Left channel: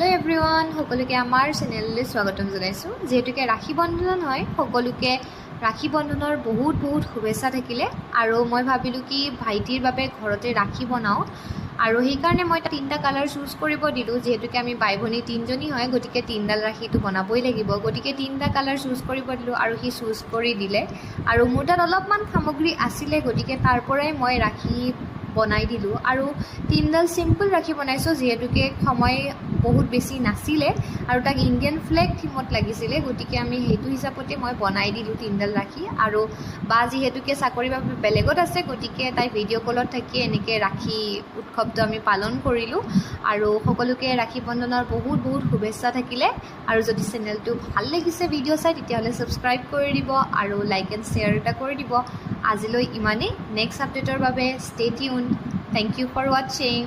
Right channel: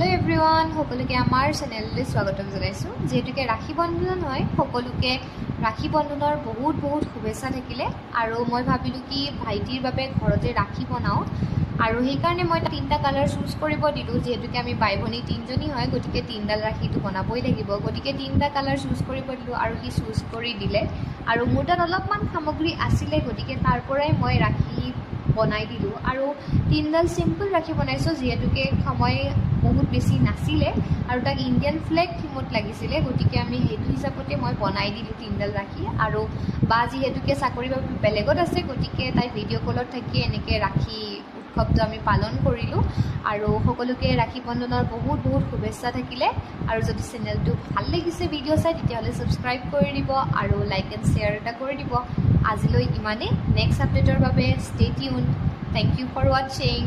hello everyone সকলোকে আমাৰ চেনেললৈ স্বাগতম জনাইছো যেহেতুকে ৰাখী বন্ধন হয় সকলোকে ৰাখী বন্ধনৰ বহুত বহুত শুভেচ্ছা থাকিলে আৰু মই ভাবিলো কি ভাইটিৰ বাবে ঘৰতে ৰাখী বনাও আৰু সেই কাৰণে মই তিনটা কালাৰ চুজ কৰিব দিলো যেহেতুকে আমি ভাই ভনী তিনজনী হয় গতিকে তিনডাল ৰাখীটো বনাবই লাগিব গতিকে তিনটা কালাৰ চুজ কৰিব দিলো আৰু হি চুজ কৰি দিলে আৰু মোৰ তাত অলপমান সামগ্ৰী আছিল গতিকে তাৰ পৰাই মই ৰাখী বনাই দিলো আৰু তিনডাল সিম্পল ৰাখী বনাইছো যেহেতুকে সময় বহুত বেছি নাছিলে আৰু তাক ইণ্ডিয়ান ফ্লেগ থিমত লাগিছিলে গতিকে আমি হেতু হিচাপতে মই বনাই দিলো তিনডাল ৰাখী আৰু বা যেহেতুকে চাকৰি বা বেলেগত আছে গতিকে তাই ভিডিঅ' কলত থাকি এনেকৈ ৰাখী উৎসৱটো আমি পালন কৰিলো আৰু সকলোকে ৰাখী বন্ধনৰ বহুত বহুত শুভেচ্ছা থাকিলে আৰু যদি চেনেলটো ভাল লাগিছে ভিডিঅ' চাই তেতিয়াহ'লে সাবস্ক্ৰাইব কৰি দিব আৰু লাইক এণ্ড শ্বেয়াৰ এটা কৰি দিব আজিলৈ ইমানেই নেক্সট আপডেটৰ বাবে stay tune thank you for ৱাচিং